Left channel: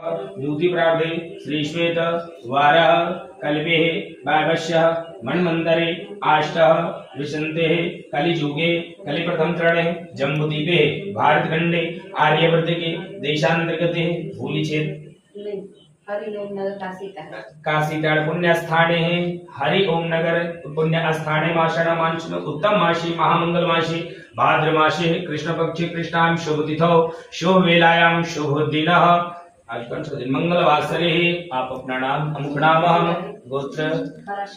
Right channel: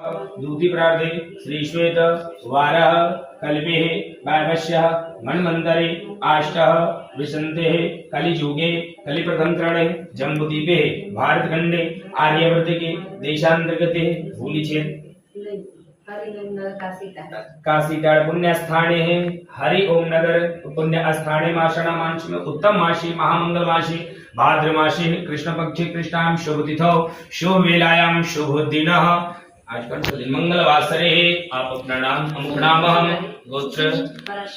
दूति प्रार्थे श्री श्वेत वारः कल्पे भागस्य मन्वन्तरे आष्टः विशन्ते कलिजुगे कलिप्रथम चरणे जम्बूद्वीपे भारतखंडे आर्यवर्ते देशांतर्गते भूलिछेद हरि ओम नगर काशीताड़ पुण्य स्थाने हरि ओम नगर पुण्य स्थाने माषण मांस उत्तम मासी महामंगल मासी भाद्र मासी कृष्ण पक्षी कृष्णाम शुभ तिथौ शुभ वेलायाम शुभ दिनः आज कौन सा दिन मंगलवासरे आप अपना नाम अमुक नाम गोत्र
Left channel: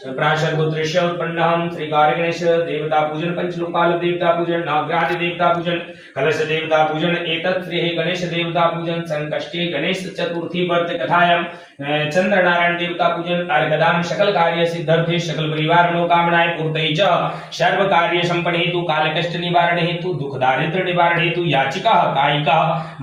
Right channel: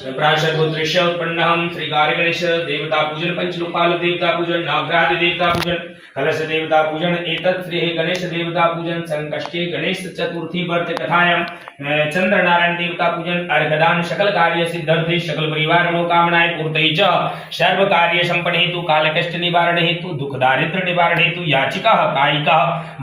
प्राशर गोत्र से उत्पन्न हम श्री कार्य गणेश देवता पूजन पंचलोकाल देवता पूजन नवग्रह देवता पूजन कलश देवता पूजन एतत् श्री गणेश देवता पूजन संकष्टे गणेश चतुर्थी व्रत कथायाम चंद्र नारायण देवता पूजन अर्घदान सकल कार्य सिद्धर्थे सकल परिवार मनोकामनाएं पूर्तये च सर्व कार्य संपन्न हेतु काल कष्ट निवारण हेतु दुख दारिद्र्य निवारण हेतु याचिका कायिका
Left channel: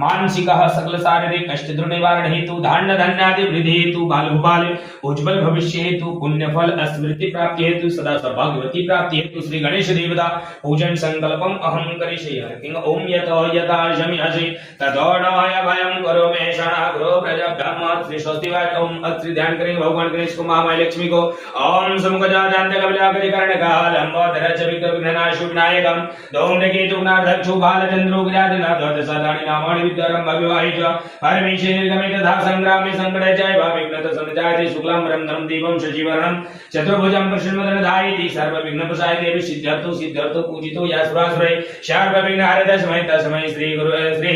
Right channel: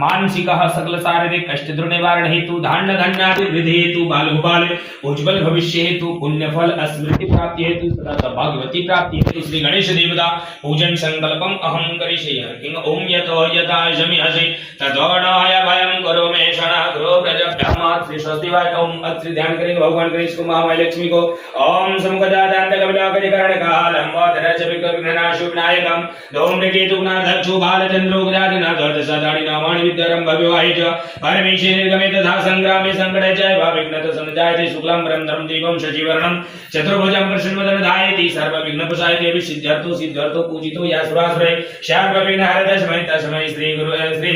मानसिक सकल शारीरिक कष्ट दूर निवारण हेतु धान्य धान्यादि वृद्धि हेतु बाल गोपाल उज्जवल भविष्य हेतु पुण्य फल स्मृति प्राप्ति हेतु सदा सौभाग्यवती प्राप्ति हेतु श्री गणेश देवता पूजन संकल्पम अहं करिष्ये किं ओम यतो यथा जमिहसि तदोणाय वयं करोमि शना ग्रो प्रजभ्याम श्री स्वस्तिवाय ओम श्री ध्यान करेंगे भगवान गणेश को महामाई लक्ष्मी को ओम समगजादांत कमलाकरिकरण कालंबोधर चविक विघ्ननाशुनायकम धूम्रकेतुनाथक्षु बालचंद्रो गजानन सदानि नामानि विद्यारं भव्यवाहिच परमेश्वरे निर्गमे तथा संग्रामे संकटे जय विघ्नत संजायते शुक्लां परमधरं दीपं शशिवर्णं चतुर्भुजं कृष्णवदनधायति सर्वविघ्नप्रसायते विसिद्ध्यर्थो सिद्ध्यर्थो पूजितो यासुरासुरे सर्वविघ्नहरतस्मै तस्मै श्री गुरु श्री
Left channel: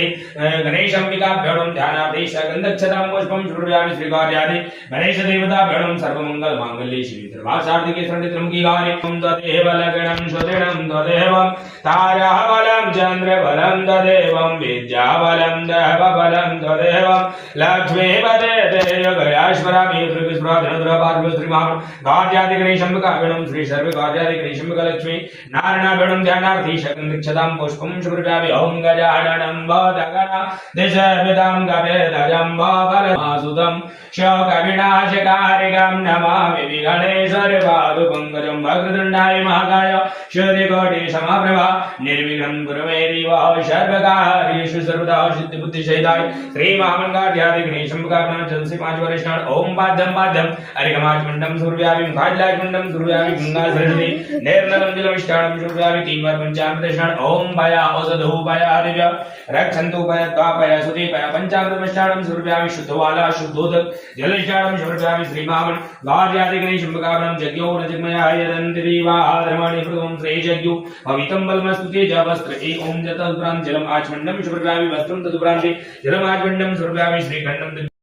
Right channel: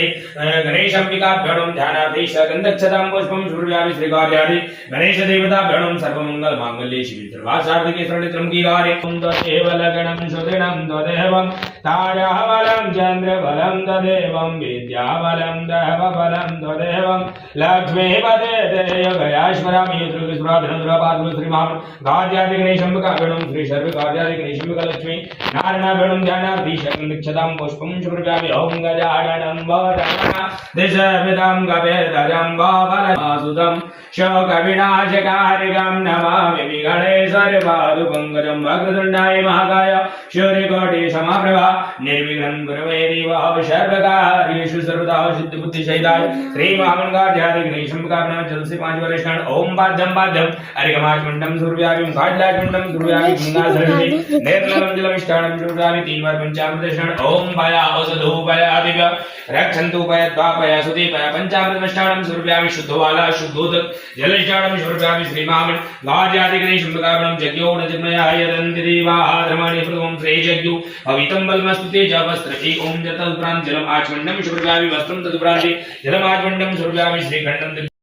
गणेशाम्बिकाभ्यां ध्यानार्थे सकन्दक्षतां पुष्पं शुभयामि श्री कार्यादि गणेश देवताभ्यां सर्वमंगल मांगल्ये शिवे सर्वासार्थिके शरण्यत्रमुखी गारे ओम तदेव लगणं सुदृढं तदेवं ताराबलं चन्द्रबलं तदेवं विद्याबलं देवबलं तदेवं लक्ष्मीपते देवगयाश्वरामि श्रीकृष्णधनुर्वापादुल श्रीमान् कार्यादि गणेशम्बिकाभ्यां श्री सर्व कार्यादि गणेशम्बिका लक्ष्मी नारायणाभ्यां ध्यानार्थे सकन्दक्षतां पुष्पं शुभयामि ओम गजाननं वदना दिशविदां गवेदजं वाफलमासुतं शोकविनाशकारिकं नमामि विघ्नेश्वरपादुपङ्कजं वक्रतुण्डाय महाकाय सूर्यकोटि समप्रभा निर्विघ्नं कुरुमे देव सर्वकार्येषु सर्वदा सिद्धिबुद्धिसहिताय श्री महामंगलाध्याय गणेशम्बिकाभ्यां जलसे 5 वर्षाण ओम पाद्यं अर्घमाचमण्डं सूर्याभिं घाटलाचमण्डं सूर्याभिं गंगाधरणे निर्मलं जलमिष्टानं सूर्याभिं 3 बार पंचामृतस्नान ओम भया औषधो भया दिव्य रक्षन्तु भय द्वापय सुदीपय पंचामृतस्नानं सूर्याभिं शुद्धवाला शुद्धोदक जलस्नानं सूर्याभिं श्री महामंगलाध्याय गणेशम्बिकाभ्यां यज्ञो नजमयाय दन्ति देवा धर्माणि प्रथमं श्री यज्ञो भवितं बलमस्तुते जवस्त्रति ओम जतुप्रां जलम आचमण्डं सूर्याभिं वस्त्रं तदुप्रान्ते जलमाचमण्डं सूर्याभिं श्रीखण्डं